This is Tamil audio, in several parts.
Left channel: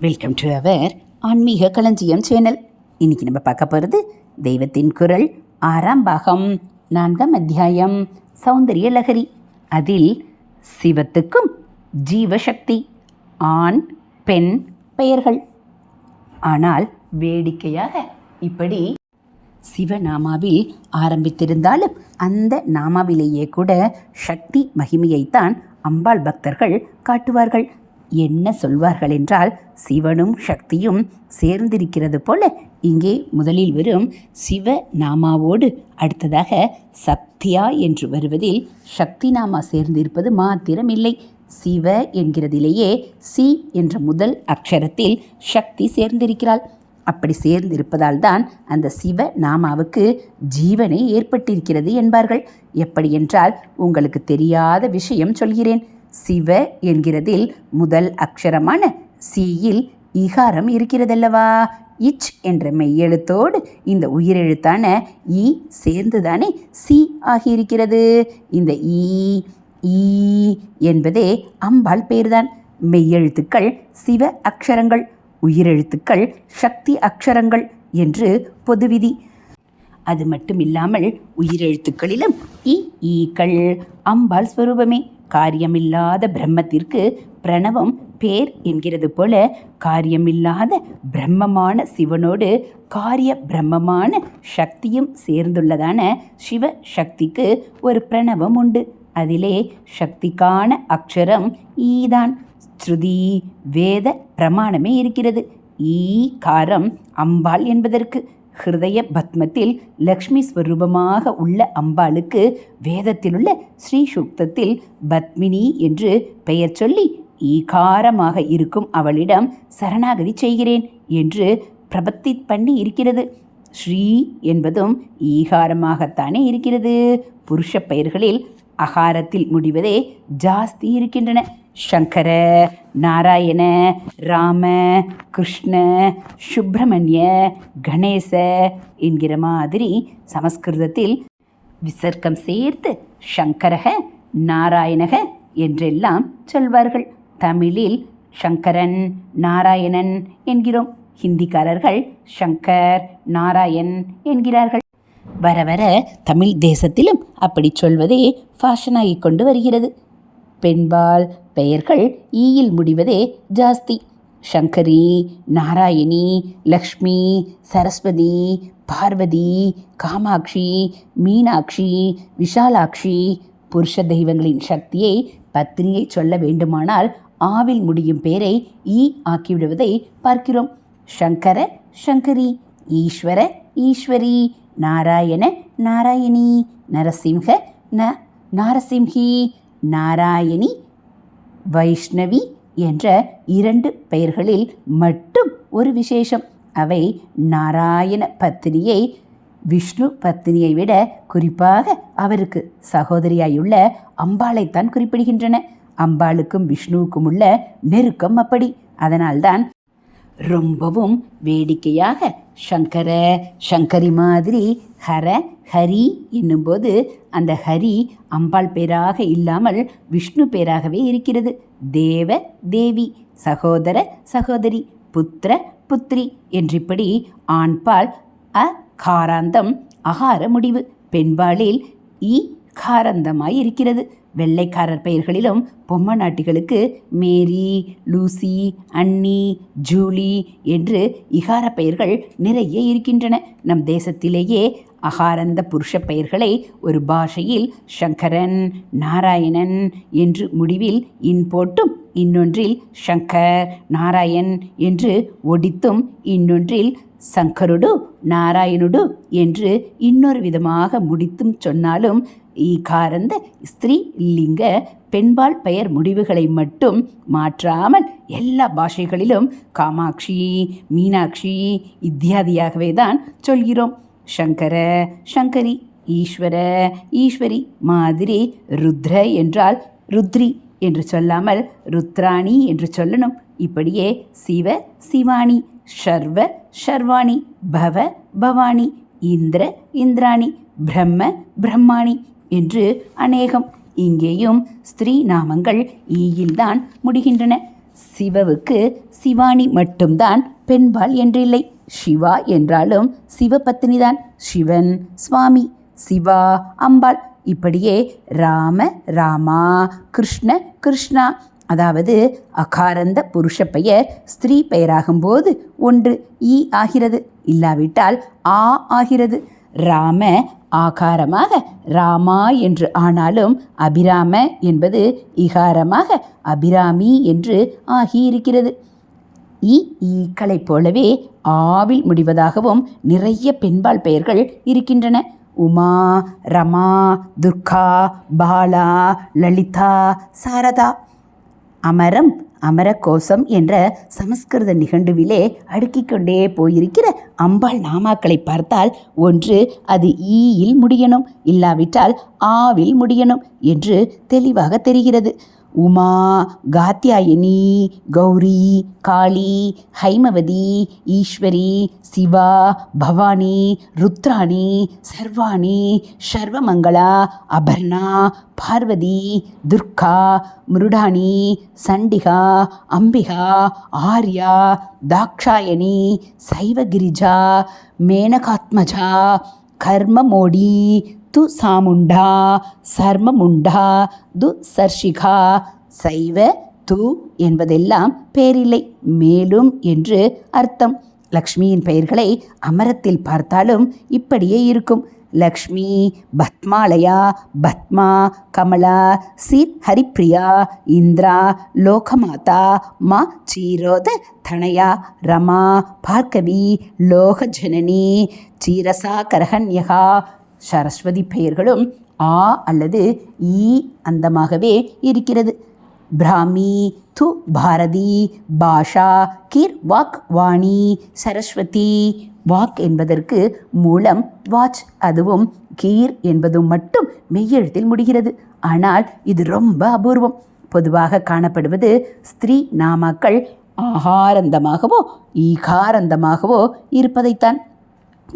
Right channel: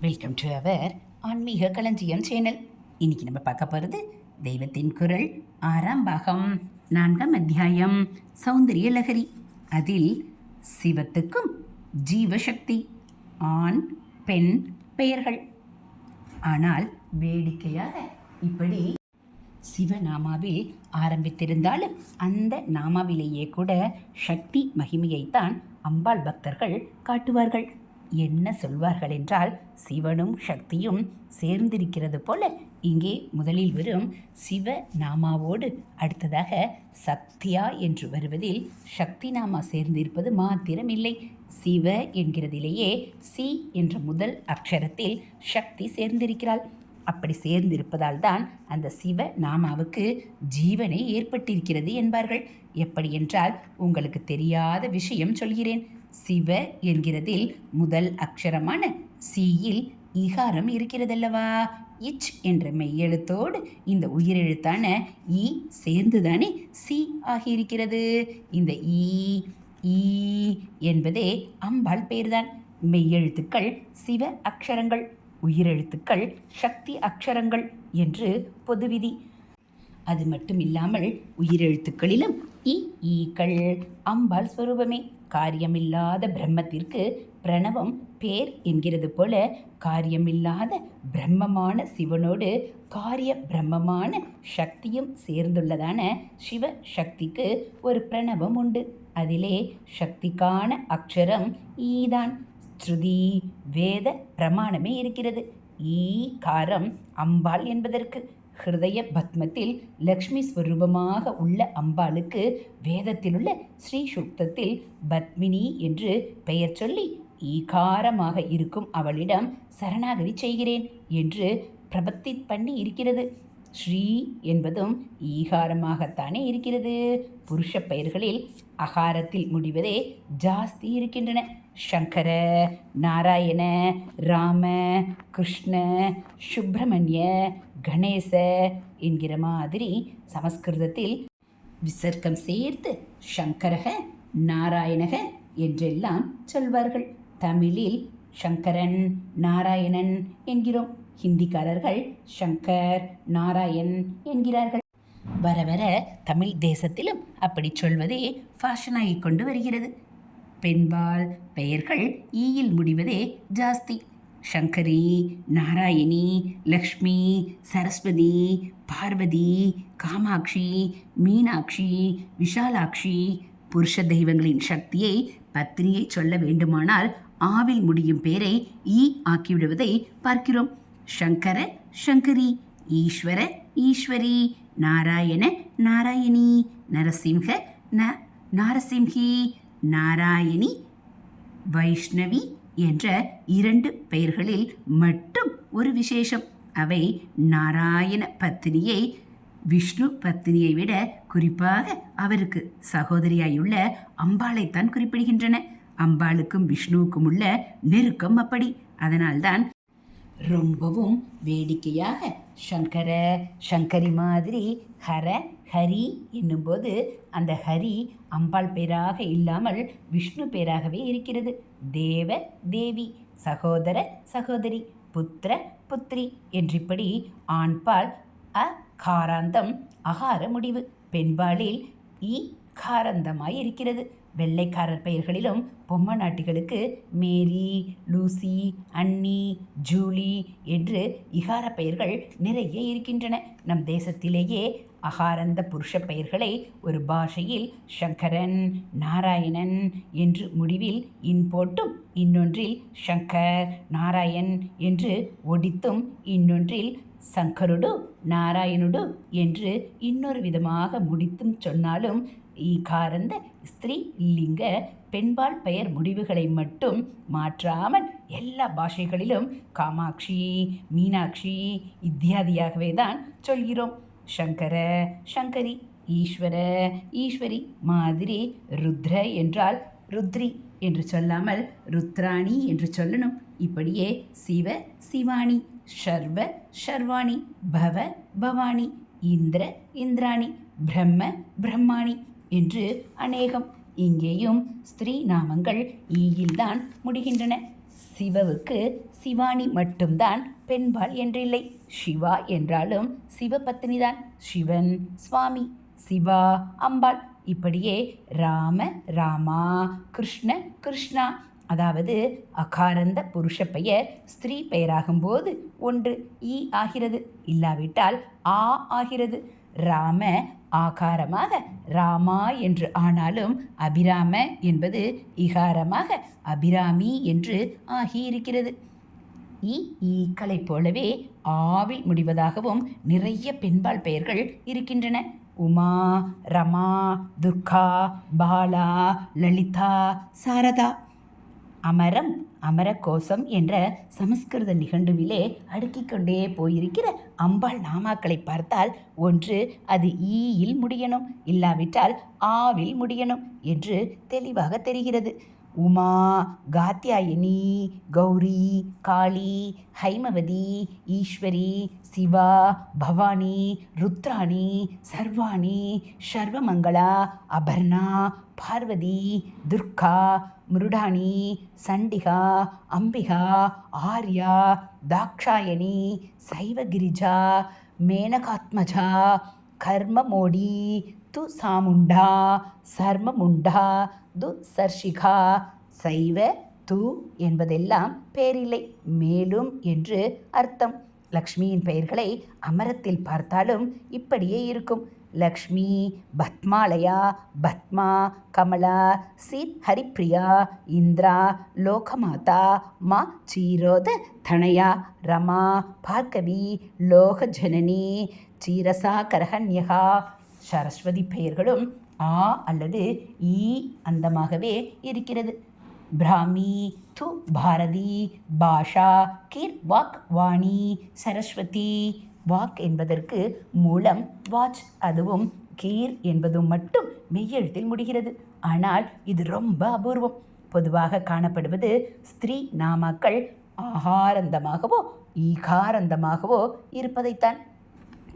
வெல்கம் டு அவர் ஆன்மீக களஞ்சியம் சேனல் இன்றைக்கி நம்ம பார்க்க போகிறது தெய்வத்தின் குரல் ஆறாம் பாகம் நான்காம் அத்தியாயம் சௌந்தரிய லகரி அதில் சிவத்துக்கும் ஜீவசக்தி ஆண் பெண் பெயர்கள். ஆனால் வேடிக்கையாக இப்படி சிவநாமாவில் ஆரம்பித்திருந்தாலும் அந்த நாமாவிலேயே கூட சக்தி மகிமையைத்தான் அம்பாள் பக்தர்கள் காட்டுவார்கள். என்ன சொல்வார்கள் என்றால் சிவனும் சக்தியும் சேர்ந்திருக்கிறது போல இங்கே முதலில் வரும் சிவ நாமாவோடு அடுத்ததாக சக்தியா என்று வருவதில் சக்தி நாமா சேர்ந்திருப்பது மாத்திரமில்லை. சிவ என்கிறதிலேயே சி என்ற முதல் அக்ஷரத்தில் சக்தி சேர்ந்திருக்கிறாள். அப்படி சேர்ந்திருப்பதால் தான் அந்த சிவ நாமாவுக்கு ஜீவனே ஏற்பட்டிருக்கிறது என்பார்கள். எப்படி என்றால் உங்களுக்கு தெரியாத விஷயம் சொல்கிறேன். சிவ என்கிறதில் முதல் அக்ஷரமான சியில் இகாரம் இருக்கிறதல்லவா? இச் என்ற மெய்யெழுத்தோடு இந்த உயிரெழுத்தான ஈ சேர்ந்துதானே சி ஆகியிருக்கிறது. இந்த ஈ ஈ என்பதே அம்பாள் பேர்தான் மெய்யெழுத்துக்கள் சிவ அக்ஷரங்கள் உயிரெழுத்துக்கள் சக்தி அக்ஷரங்கள் என்று பொதுவிதி. அது மட்டும் இல்லாமல் உயிரெழுத்துக்களிலும் இ ஈக்கள் அம்பாள் ஸ்வரூபமே. காரியமில்லாத பிரம்மத்திற்கு பிரணவம் பேர் என்கிறது போல காரியமில்லாத பிரம்மமான சிவனோடு காரிய பிரம்மமான சக்தியும் சேர்ந்துள்ளதான சிவ சக்திக்கு ஒரு பிரணவம் உண்டு. அதிலே சக்திக்கான அக்ஷரம் ஈதான் ஸ்ருதி வேத பிரமாணமே இருக்கிறது. ஈ காரம் அம்பாள் என்பதற்கு. ஹிருதய பத்மத்தில் லக்ஷ்மி ஸ்வரூபமாக உள்ள அம்பாளுக்கு வேதத்திலுள்ள ஸ்ரீ சுக்தத்தில் பத்மினி என்று பெயர் சொல்லி ஈகாரமாக இருக்கும் அவளிடம் சரணாகதி செய்கிறேன் என்று பிரபத்தி பண்ணி இருக்கிறது. ஸ்ரீ என்பதும் ஈகாரமாகத்தானே இருக்கிறது. புருஷ பெயர்களில் அகாரத்தில் முடிவதே ஜாஸ்தி இருக்கின்றன. சங்கர நாராயண ராம கிருஷ்ண சுப்பிரமணிய கணேச என்கிற மாதிரி சமஸ்கிருதத்தில் விசர்க்கம் சேர்த்து சங்கரக நாராயணக என்றெல்லாம் சொல்வார்கள். தமிழில் சங்கரன் நாராயணன் என்கிறோம். ஹிந்திக்காரர்கள் சங்கர் நாராயண் என்கிறார்கள். வர வர தமிழ் தேசத்திலும் அப்படி சொல்வதே ஃபேஷனாகி கொண்டு வருகிறது. பெண்பால் பெயர்கள் ஈயில் முடிவதே ஜாஸ்தி. சங்கரி நாராயணி லக்ஷ்மி சரஸ்வதி பார்வதி காமாட்சி மீனாட்சி விஷாலாட்சி. புருஷ தெய்வங்களின் சக்தியை பத்னியை சொல்ல வேண்டுமானால் ஆவில் முடியும் பேரை ஈ ஆக்கிவிடுவதை பார்க்கிறோம். சங்கர சங்கரி ஈஸ்வர ஈஸ்வரி நாராயண நாராயணி நரசிம்ஹ ந நாரசிம்ஹி நாராயணி வைஷ்ணவி என்ற இரண்டு பெயர்களில் மட்டும் ஒரு விசேஷம். அவை நாராயண பத்தினியை விஷ்ணு பத்தினியை விட குறிப்பாக அவருக்கு சகோதரியாயுள்ள அம்பாளைத்தான் குறிப்பிடுகின்றன. அம்பாளுக்கும் விஷ்ணுவுக்கும் உள்ள நெருக்கம் அப்படி. அதனால்தான் ரொம்பவும் வேடிக்கையாக சங்கர சங்கரி மாதிரி ஹர ஹரி என்னும்போது அந்த ஹரி அம்பாள் பேராக இல்லாமல் விஷ்ணு பேராகவே இருக்கிறது. தேவ தேவி சகோதர சகோதரி புத்திர புத்திரி என்றிப்படி ஆண்பால் அ காராந்தம் அகார முடிவு. பெண்பாலில் இ காரந்தமாய் இருக்கிறது. வெள்ளைக்காரர் பெயர்களிலும் பொம்மநாட்டிகளுக்கு மேரி லூசி அன்னி ஜூலி என்று இகார பெயர்கள் நிறைய இருக்கின்றன. நம் தேசத்திலேயே அகாரந்த புருஷ பெயர்களை ஒரு பாஷையில் சங்கரன் நாராயணன் என்று முடிவில் இன் போட்டும் இன்னொன்றில் சங்கர் நாராயண் என்று ஒடித்தும் இன்னொன்றில் சங்கருடு நாராயணுடு என்று இன்னொரு விதமாக முடித்தும் சொன்னாலும் ஈகாரந்த ஸ்திரீ லிங்க பெண்பால் பெயர் முடிவுகளை மட்டும் மாற்றாமல் எல்லா பாஷைகளிலும் காமாட்சி மீனாட்சி இத்தியாதியாகவே தான் சொல்கிறோம். சங்கர சங்கரி ஈஸ்வர ஈஸ்வரி மாதிரி ருத்ர என்றால் ருத்ரி என்று சொல்லாமல் ருத்ராணி என்று சொல்லணும். இப்படியே சிவ சிவானி ஷர்வ ஷர்வாணி பவ பவானி இந்திர இந்திராணி பிரம்ம பிரம்மாணி என்று அநேகம் இங்கேயும் ஸ்திரீ நாமங்கள் ஈயில்தான் முடிகின்றன. சிவவுக்கு சிவானி மட்டும்தான் பெண்பால் என்றில்லை. சிவா என்றாலும் சிவபத்தினிதான். சிவன் சுவாமி சிவா அம்பாள். இப்படியே ராம ராமா கிருஷ்ண கிருஷ்ணா. அதாவது அகாரந்த புருஷ பெயர் ஸ்திரீ பெயராகும்போது ஒன்று ஈ ஆகிறது. இல்லாவிட்டால் ஆ ஆகிறது. ராம ஆகாரமாக ராமா என்று ஆனாலும் அபிராம என்பது இகாரமாக அபிராமி என்று ஆகியிருக்கிறது. இ ஈக்களைப் போலவே ஆவில் முடிவதாகவும் நிறைய பெண்பால் பெயர்கள் இருக்கின்றன. உமா ரமா துர்கா பாலா லலிதா சாரதா. அமரம் அமரகோசம் என்ற சமஸ்கிருத நிகண்டுவிலே அடுக்கிக் கொண்டே போயிருக்கிற அம்பாள் நாமாக்களை பார்த்தால் ஒன்று அது ஈயில் முடியணும் இல்லாவிட்டால் ஆவில் முடியணும் என்று தெளிவாக தெரிகிறது. உமா காத்தியாயினி கௌரி காளி ஹைமவதி ஈஸ்வரி சிவா பவானி ருத்ராணி சர்வாணி சர்வமங்களா அபர்ணா பார்வதி துர்கா மிருடாணி சண்டிகா அம்பிகா ஆர்யா தாக்ஷாயணி சைவகிரிஜா மேனகாத்மஜா கர்மமோடி து சாமுண்டா சர்மமுண்டா து சர்ஷிகா சைவ து என்பதெல்லாம் பேரில்லை. மேலும் என்று அர்த்தம். லக்ஷ்மியின் பெயர்களை அமரத்தில் பார்த்தாலும் இப்படியே இருக்கும். லக்ஷ்மி பத்மாலயா பத்மா கமலா சீர் ஹரிப்ரியா இந்திரா லோகமாதா மா சீரோத தனயா ரமா பார்கவி லோகஜனனி சீரசா கரகன்யகா சரஸ்வதி பெயர்களும் ஆ அல்லது ஈ அந்தமாகவே இருக்கிறது. பிராமி து பாரதி பாஷா கீர் வாக் வாணி சரஸ்வதி. வாக் என்பதற்கு மூலம் வாச் அதுவும் கீர் என்பதும் மட்டும் மெய்யெழுத்தில் முடிகிறது. ஆனால் இது ரொம்ப அபூர்வம். பொதுவாக காணப்படுவது ஸ்திரீ நாமாக்கள் ஆகாரந்தமாகவோ ஈகாரந்தமாகவோ இருப்பதைத்தான்.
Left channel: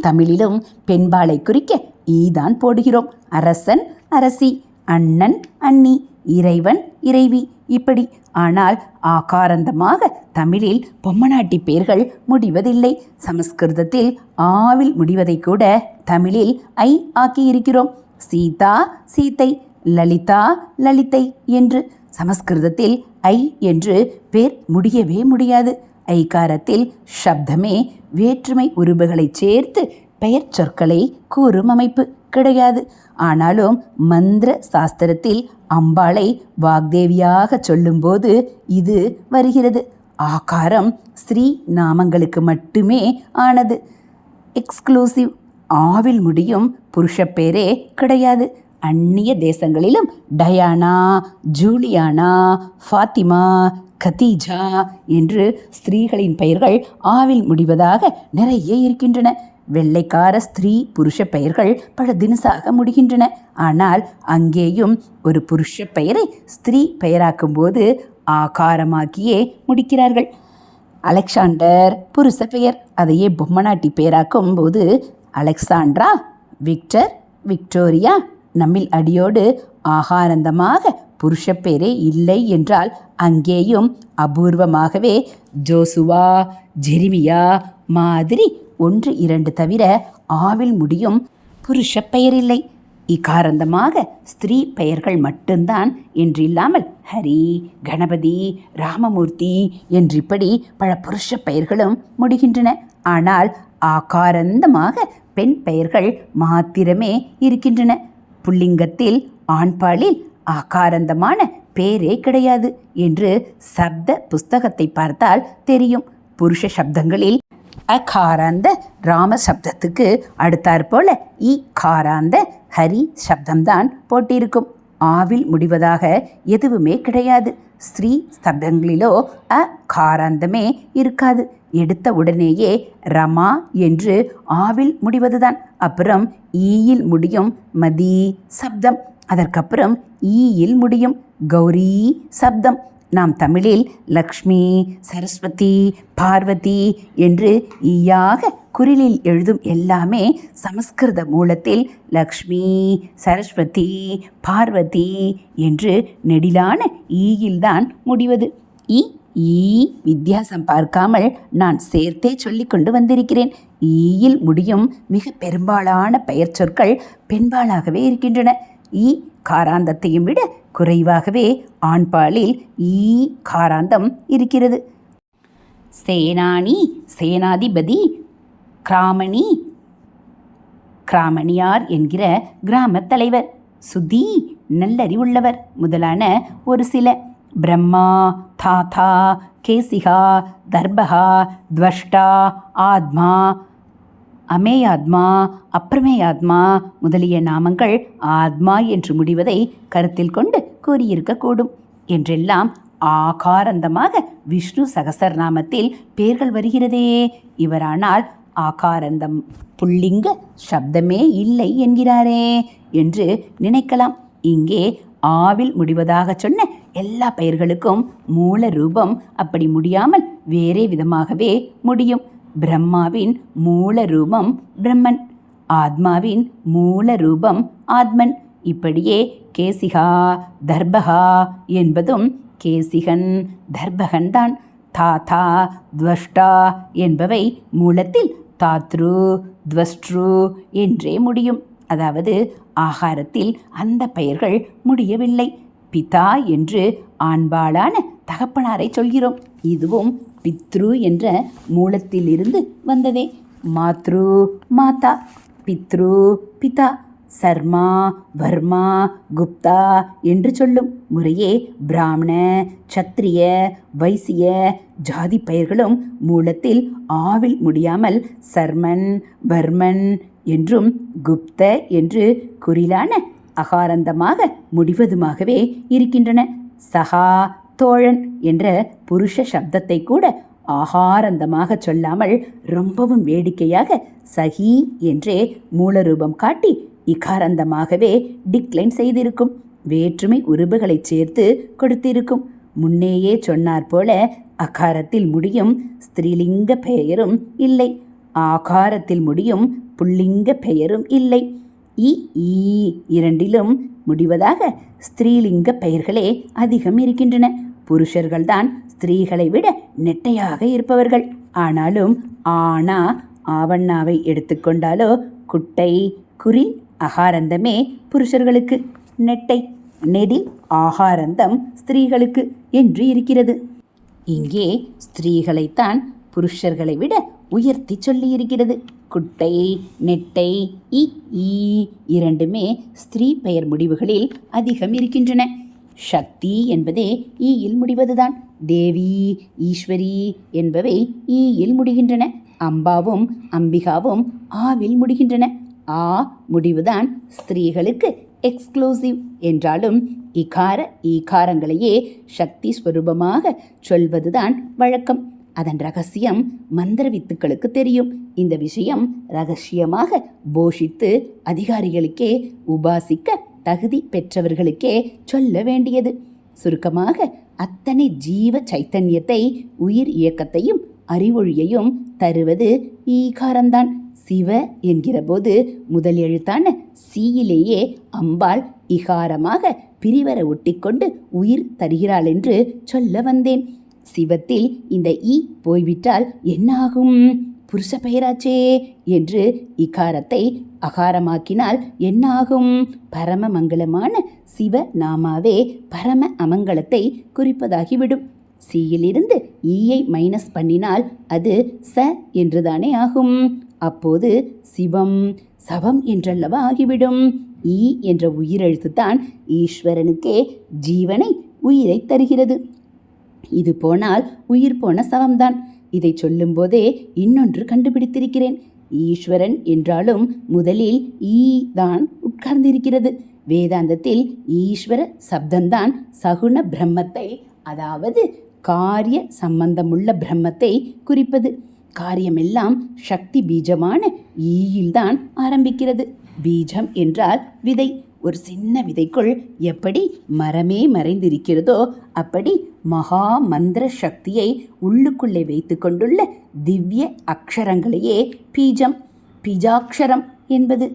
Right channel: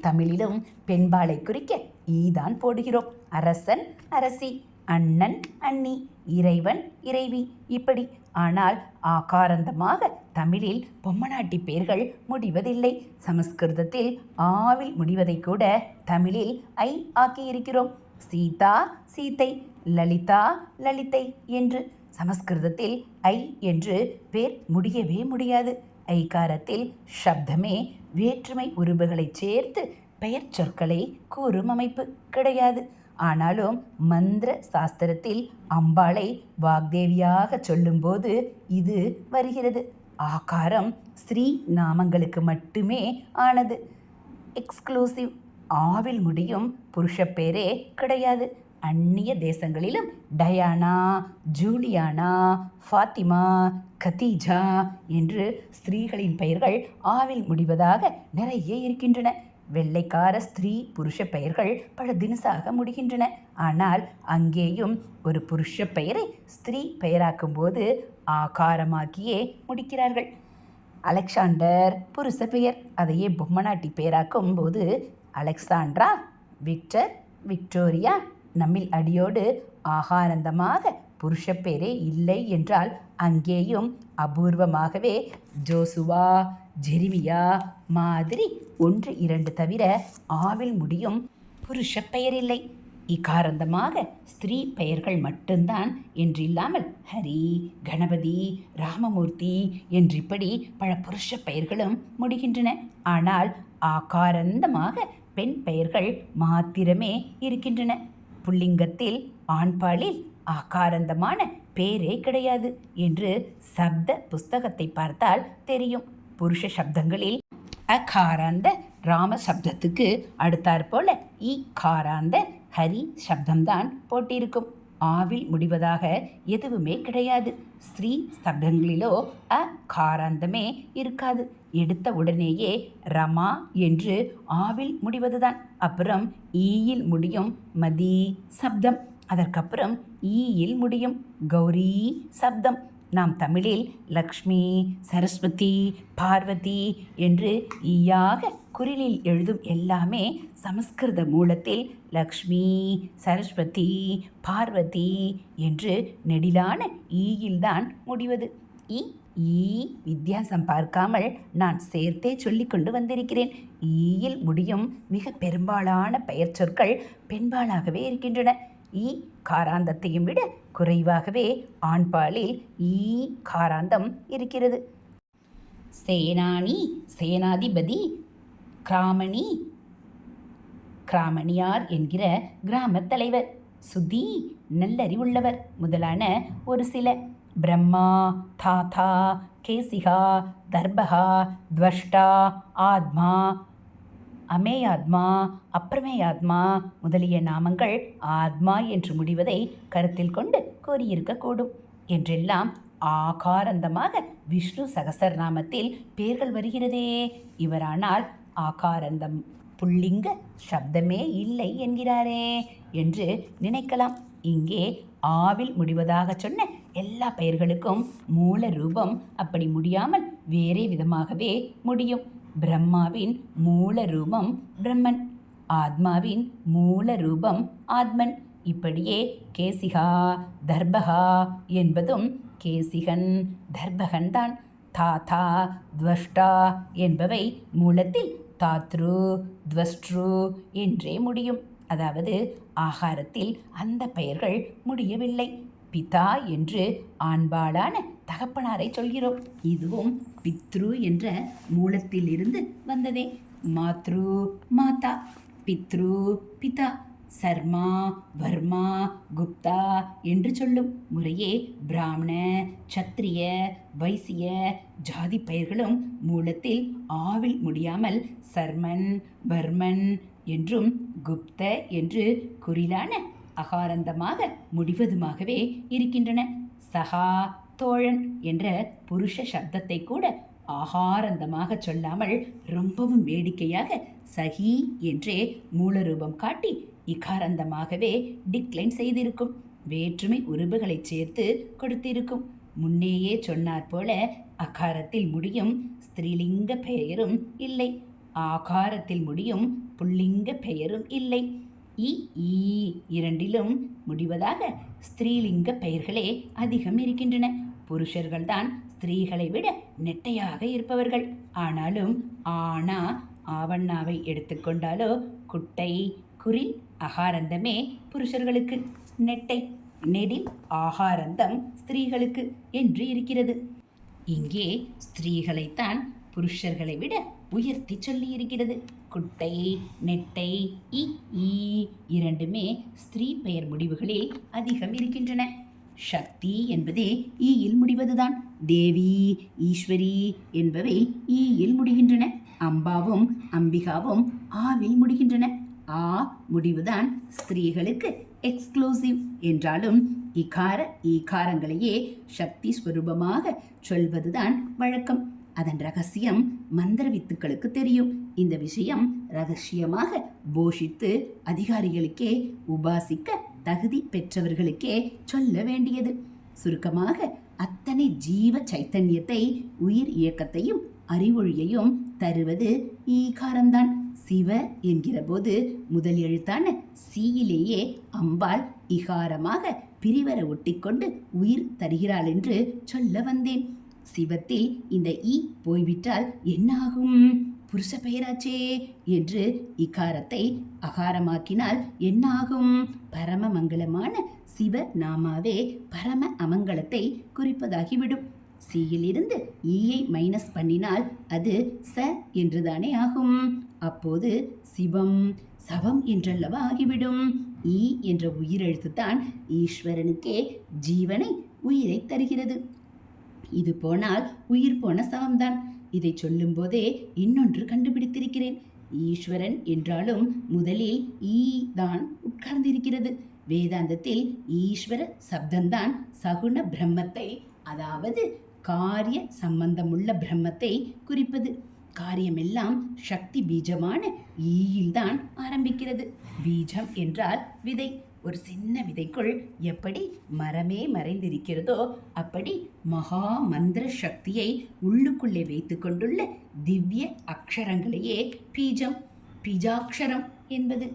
தமிழிலும் பெண்பாலை குறிக்க ஈதான் போடுகிறோம். அரசன் அரசி அண்ணன் அண்ணி இறைவன் இறைவி. இப்படி ஆனால் ஆகாரந்தமாக தமிழில் பொம்மநாட்டி பெயர்கள் முடிவதில்லை. சமஸ்கிருதத்தில் ஆவில் முடிவதை கூட தமிழில் ஐ ஆக்கியிருக்கிறோம். சீதா சீத்தை லலிதா லலிதை என்று சமஸ்கிருதத்தில் ஐ என்று பேர் முடியவே முடியாது. ஐகாரத்தில் சப்தமே வேற்றுமை உருபுகளை சேர்த்து பெயர் சொற்களை கூறும் அமைப்பு கிடையாது. ஆனாலும் மந்திர சாஸ்திரத்தில் அம்பாளை வாக்தேவியாக சொல்லும்போது இது வருகிறது. ஆகாரம் ஸ்ரீ நாமங்களுக்கு மட்டுமே ஆனது. எக்ஸ்க்ளூசிவ் ஆவில் முடியும் புருஷப்பேரே கிடையாது. அந்நிய தேசங்களிலும் டயானா ஜூலியானா ஃபாத்திமா கதீஜா என்று ஸ்திரீகளின் பெயர்கள் ஆவில் முடிவதாக நிறைய இருக்கின்றன. வெள்ளைக்கார ஸ்திரீ புருஷ பெயர்கள் பல தினசாக முடிகின்றன. ஆனால் அங்கேயும் ஒரு புருஷ பெயரை ஸ்திரீ பெயராக்கும்போது ஆகாரமாக்கியே முடிக்கிறார்கள். அலெக்சாண்டர் புருஷ பெயர். அதையே பொம்மநாட்டி பெயராக்கும் போது அலெக்சாண்ட்ரா விக்டர் விக்டோரியா நம்மில் அடியோடு ஆகாரந்தமாக புருஷ பெயரே இல்லை என்றால் அங்கேயும் அபூர்வமாகவே ஜோசுவா ஜெரிமியா மாதிரி ஒன்று இரண்டு தவிர ஆவில் முடியும் புருஷ பெயர் இல்லை இக்காரந்தமாக ஸ்திரீ பெயர்கள் மட்டும்தான் என்றில்லாமல் ஹரி கணபதி ராமமூர்த்தி என்றிப்படி பல புருஷ பெயர்களும் முடிகின்றன. ஆனால் ஆகாரந்தமாக பெண் பெயர்கள் மாத்திரமே இருக்கின்றன. புல்லிங்கத்தில் ஆண்பாலில் ஆகாரந்தமான பேரே கிடையாது என்று சப்த புஸ்தகத்தை பார்த்தால் தெரியும். புருஷ சப்தங்களில் அகாராந்த ராம சப்தத்துக்கு அடுத்தாற்போல இ காராந்த ஹரி சப்தம்தான் போட்டிருக்கும். ஆவில் முடிவதாக எதுவுமே கிடையாது. ஸ்ரீ சப்தங்களிலோ அ காராந்தமே இருக்காது. எடுத்த உடனேயே ரமா என்று ஆவில் முடிவதுதான். அப்புறம் ஈயில் முடியும் மதி சப்தம். அதற்கப்புறம் ஈயில் முடியும் கௌரி சப்தம். நாம் தமிழில் லக்ஷ்மி சரஸ்வதி பார்வதி என்று ஈயாக குரலில் எழுதும் எல்லாமே சமஸ்கிருத மூலத்தில் லக்ஷ்மி சரஸ்வதி பார்வதி என்று நெடிலான ஈயில்தான் முடிவது. இ ஈ வித்தியாசம் பார்க்காமல் நான் சேர்த்தே சொல்லி கொண்டு வந்திருக்கிறேன். ஈயில் முடியும் மிக பெரும்பாலான பெயர் சொற்கள் பெண்பாலாகவே இருக்கின்றன. ஈ காராந்தத்தையும் விட குறைவாகவே ஆண்பாலில் ஈ காராந்தம் இருக்கிறது. சேனானி சேனாதிபதி கிராமணி கிராமணியார் என்கிற கிராமத் தலைவர் சுதி நல்லறிவுள்ளவர் முதலான ஒரு சில. பிரம்மா தாத்தா கேசிகா தர்பகா துவஷ்டா ஆத்மா அமேயாத்மா அப்ரமேயாத்மா முதலிய நாமங்கள் ஆத்மா என்று முடிவதை கருத்தில் கொண்டு கூறியிருக்கக்கூடும். என்றெல்லாம் ஆகாரந்தமாக விஷ்ணு சகசரநாமத்தில் பெயர்கள் வருகிறதே. இவரானால் ஆகாரந்தம் புள்ளிங்க சப்தமே இல்லை என்கிறாரே என்று நினைக்கலாம். இங்கே ஆவில் முடிவதாக சொன்ன எல்லா பெயர்களுக்கும் மூல ரூபம் அப்படி முடியாமல் வேறே விதமாகவே முடியும். பிரம்மாவின் மூல ரூபம் பிரம்மன் ஆத்மாவின் மூல ரூபம் ஆத்மன். இப்படியே கேசிகா தர்பகா என்பதும் கேசிகன் தர்பகன் தான். தாத்தா துவஷ்டா என்பவை மூலத்தில் தாத்ரு துவஸ்ட்ரு என்றே முடியும். அதாவது ஆகாரத்தில் அந்த பெயர்கள் முடியவில்லை. பிதா என்று ஆண்பாளான தகப்பனாரை சொல்கிறோம். இதுவும் பித்ரு என்ற மூலத்திலிருந்து வந்ததே. மாத்ரு மாதா பித்ரு பிதா. சர்மா வர்மா குப்தா என்று சொல்லும் முறையே பிராமண சத்திரிய வைசிய ஜாதி பெயர்களும் மூலத்தில் ஆவில் முடியாமல் சர்மன் வர்மன் என்றும் குப்த என்று குறிலான அகாரந்தமாக முடிவதுமாகவே இருக்கின்றன. சகா தோழன் என்ற புருஷ சப்தத்தை கூட ஆகாரந்தமாக சொல்லாமல் ரொம்பவும் வேடிக்கையாக சகி என்றே மூலரூபம் காட்டி இகாரந்தமாகவே டிக்ளைன் செய்திருக்கும். வேற்றுமை உருபுகளை சேர்த்து கொடுத்திருக்கும். முன்னேயே சொன்னார் போல அகாரத்தில் முடியும் ஸ்திரீலிங்க பெயரும் இல்லை. ஆகாரத்தில் முடியும் புல்லிங்க பெயரும் இல்லை. இ ஈ இரண்டிலும் முடிவதாக ஸ்திரீலிங்க பெயர்களே அதிகம் இருக்கின்றன. புருஷர்கள்தான் ஸ்திரீகளை விட நெட்டையாக இருப்பவர்கள். ஆனாலும் ஆனா ஆவண்ணாவை எடுத்துக்கொண்டாலோ குட்டை குரில் அகாரந்தமே புருஷர்களுக்கு நெட்டை நெடில் ஆகாரந்தம் ஸ்திரீகளுக்கு என்று இருக்கிறது. இங்கே ஸ்திரீகளைத்தான் புருஷர்களை விட உயர்த்தி சொல்லியிருக்கிறது. குட்டை நெட்டை இ இரண்டுமே ஸ்திரீ பெயர் முடிவுகளில் அதிகம் இருக்கின்றன. சக்தி என்பதே ஈயில் முடிவதுதான். தேவி ஈஸ்வரி என்பவை ஈயில் முடிகின்றன. அம்பாவும் அம்பிகாவும் ஆவில் முடிகின்றன. ஆ முடிவுதான் ஸ்திரீகளுக்கு எக்ஸ்க்ளூசிவ் என்றாலும் இகார ஈகாரங்களையே சக்தி ஸ்வரூபமாக சொல்வதுதான் வழக்கம். அதன் ரகசியம் மந்திர வித்துக்களுக்கு தெரியும். இந்த விஷயம் ரகசியமாக போஷித்து அதிகாரிகளுக்கே உபாசிக்க தகுதி பெற்றவர்களுக்கே சொல்ல வேண்டியது. சுருக்கமாக அத்தனை ஜீவ சைத்தன்யத்தை உயிர் இயக்கத்தையும் அறிவொழியையும் தருவது ஈகாரம்தான். சிவ என்கிற போது முதல் எழுத்தான சீயிலேயே அம்பாள் இகாரமாக பிரிவர ஒட்டிக்கொண்டு உயிர் தருகிறாள் என்று சொல்ல வந்தேன். சிவத்தில் இந்த ஈ போய்விட்டால் என்னாகும்? புருஷ பெயராச்சே என்று இகாரத்தை அகாரமாக்கினால் என்னாகும்? பரம மங்களமான சிவ நாமாவே பரம அமங்கலத்தை குறிப்பதாகிவிடும். சியிலிருந்து ஈயை மைனஸ் பண்ணினால் அது ச என்றுதானே ஆகும்? அப்போது சிவம் சவம் என்றல்லவா ஆகிவிடும்? ஈ என்ற உயிரெழுத்து தான் ஈஸ்வரனுக்கே ஜீவனை உயிரை தருகிறது. இது போனால் உயிர் போன சவம்தான். இதை சொல்லும்போதே இன்னொன்று கண்டுபிடித்திருக்கிறேன். ஈஸ்வரன் என்றாலும் முதலில் ஈ தான் உட்கார்ந்திருக்கிறது. வேதாந்தத்தில் ஈஸ்வர சப்தந்தான் சகுண பிரம்மத்தை அதாவது காரிய சம்பந்தமுள்ள பிரம்மத்தை குறிப்பது. காரியமெல்லாம் சக்தி பீஜமான ஈயில்தான் ஆரம்பிக்கிறது. பீஜம் என்றால் விதை. ஒரு சின்ன விதைக்குள் எப்படி மரமே மறைந்திருக்கிறதோ அப்படி மகா மந்திர சக்தியை உள்ளுக்குள்ளே வைத்து கொண்டுள்ள திவ்ய அக்ஷரங்களையே பீஜம் பீஜாக்ஷரம் என்பது.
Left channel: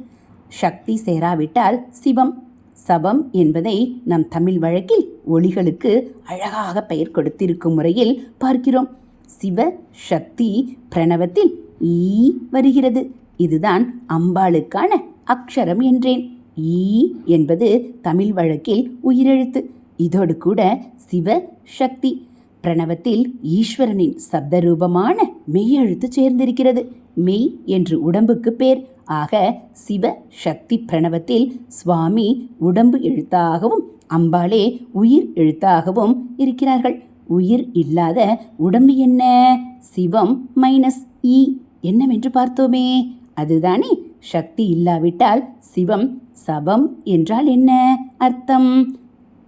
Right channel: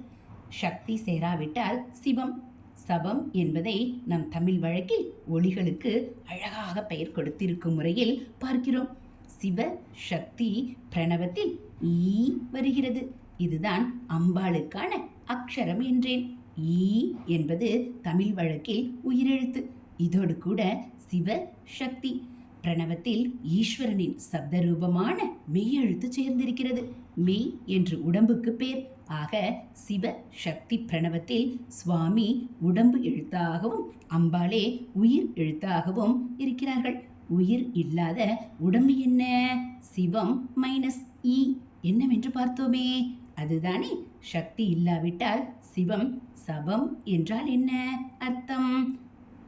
சக்தி சேராவிட்டால் சிவம் சபம் என்பதை நம் தமிழ் வழக்கில் ஒளிகளுக்கு அழகாக பெயர் கொடுத்திருக்கும் முறையில் பார்க்கிறோம். சிவ சக்தி பிரணவத்தில் ஈ வருகிறது. இதுதான் அம்பாளுக்கான அக்ஷரம் என்றேன். ஈ என்பது தமிழ் வழக்கில் உயிரெழுத்து. இதோடு கூட சிவ சக்தி. பிரணவத்தில் ஈஸ்வரனின் சப்த ரூபமான மெய்யெழுத்து சேர்ந்திருக்கிறது. மெய் என்று உடம்புக்கு பேர். ஆக சிவ சக்தி பிரணவத்தில் சுவாமி உடம்பு எழுத்தாகவும் அம்பாளே உயிர் எழுத்தாகவும் இருக்கிறார்கள். உயிர் இல்லாத உடம்பு என்ன? சிவம் மைனஸ் ஈ. என்னவென்று பார்த்தோமே? அதுதானே சக்தி இல்லாவிட்டால் சிவம் சபம் என்றால் என்ன அர்த்தம்?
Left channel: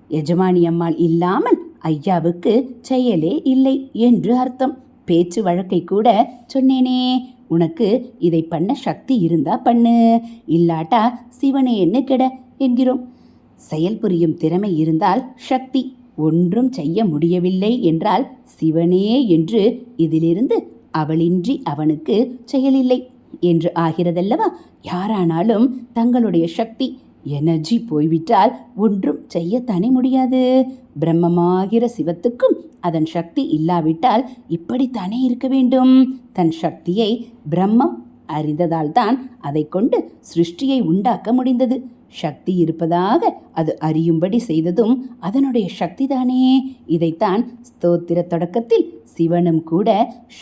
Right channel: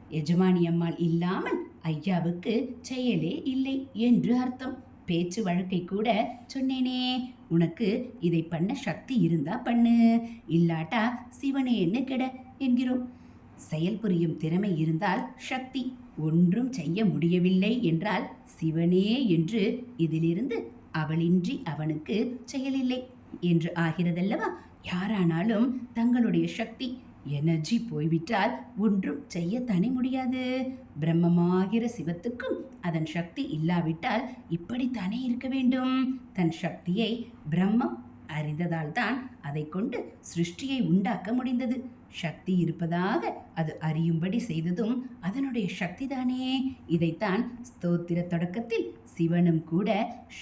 எஜமானி அம்மாள் இல்லாமல் ஐயாவுக்கு செயலே இல்லை என்று அர்த்தம். பேச்சு வழக்கை கூட சொன்னேனே. உனக்கு இதை பண்ண சக்தி இருந்தா பண்ணு. இல்லாட்டா சிவனே என்ன கெட என்கிறோம். செயல் புரியும் திறமை இருந்தால் சக்தி ஒன்றும் செய்ய முடியவில்லை என்றால் சிவனே என்று இதிலிருந்து அவளின்றி அவனுக்கு செயலில்லை. என்று ஆகிறதல்லவா? யாரானாலும் தங்களுடைய சக்தி எனர்ஜி போய்விட்டால் ஒன்றும் செய்யத்தானே முடியாது. பிரம்மமாகிற சிவத்துக்கும் அதன் சக்தி இல்லாவிட்டால் இப்படித்தானே இருக்க வேண்டும்? தன் சக்தியை பிரம்மம் அறிந்ததால் தான் அதை கொண்டு சிருஷ்டியை உண்டாக்க முடிந்தது. சக்தி இருப்பதாக அது அறியும்படி செய்ததும் அதனுடைய சக்திதானே. இதைத்தான் ஸ்தோத்திர தொடக்கத்தில் சிவனும் கூட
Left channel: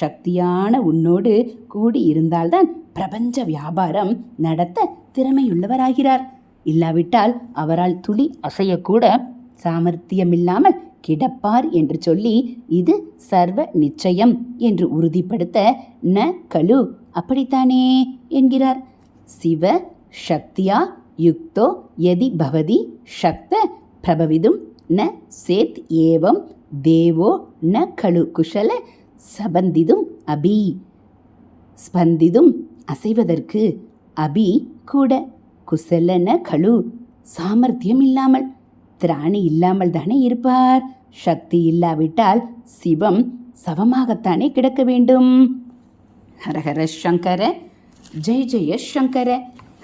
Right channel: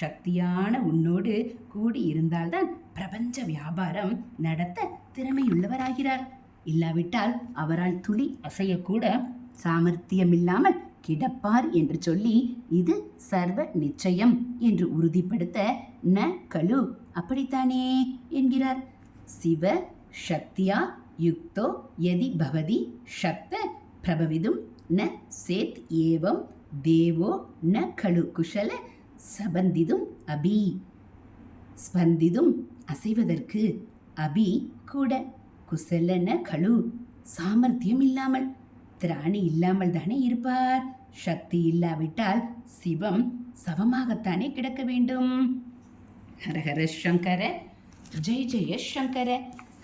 சக்தியான உன்னோடு கூடி இருந்தால்தான் பிரபஞ்ச வியாபாரம் நடத்த திறமையுள்ளவராகிறார். இல்லாவிட்டால் அவரால் துளி அசையக்கூட சாமர்த்தியமில்லாமல் கிடப்பார் என்று சொல்லி இது சர்வ நிச்சயம் என்று உறுதிப்படுத்த ந கலு அப்படித்தானே என்கிறார். சிவ சக்தியா யுக்தோ யதி பவதி சக்த பிரபவிதும் ந சேத் ஏவம் தேவோ ந கழு குஷல சபந்திதும் அபி. ஸ்பந்திதும் அசைவதற்கு அபி கூட குசலன கழு சாமர்த்தியம் இல்லாமல் திராணி இல்லாமல் தானே இருப்பார். சக்தி இல்லாவிட்டால் சிவம் சவமாகத்தானே கிடக்க வேண்டும். ஹரஹர சங்கர ஜெய் ஜெய சங்கர.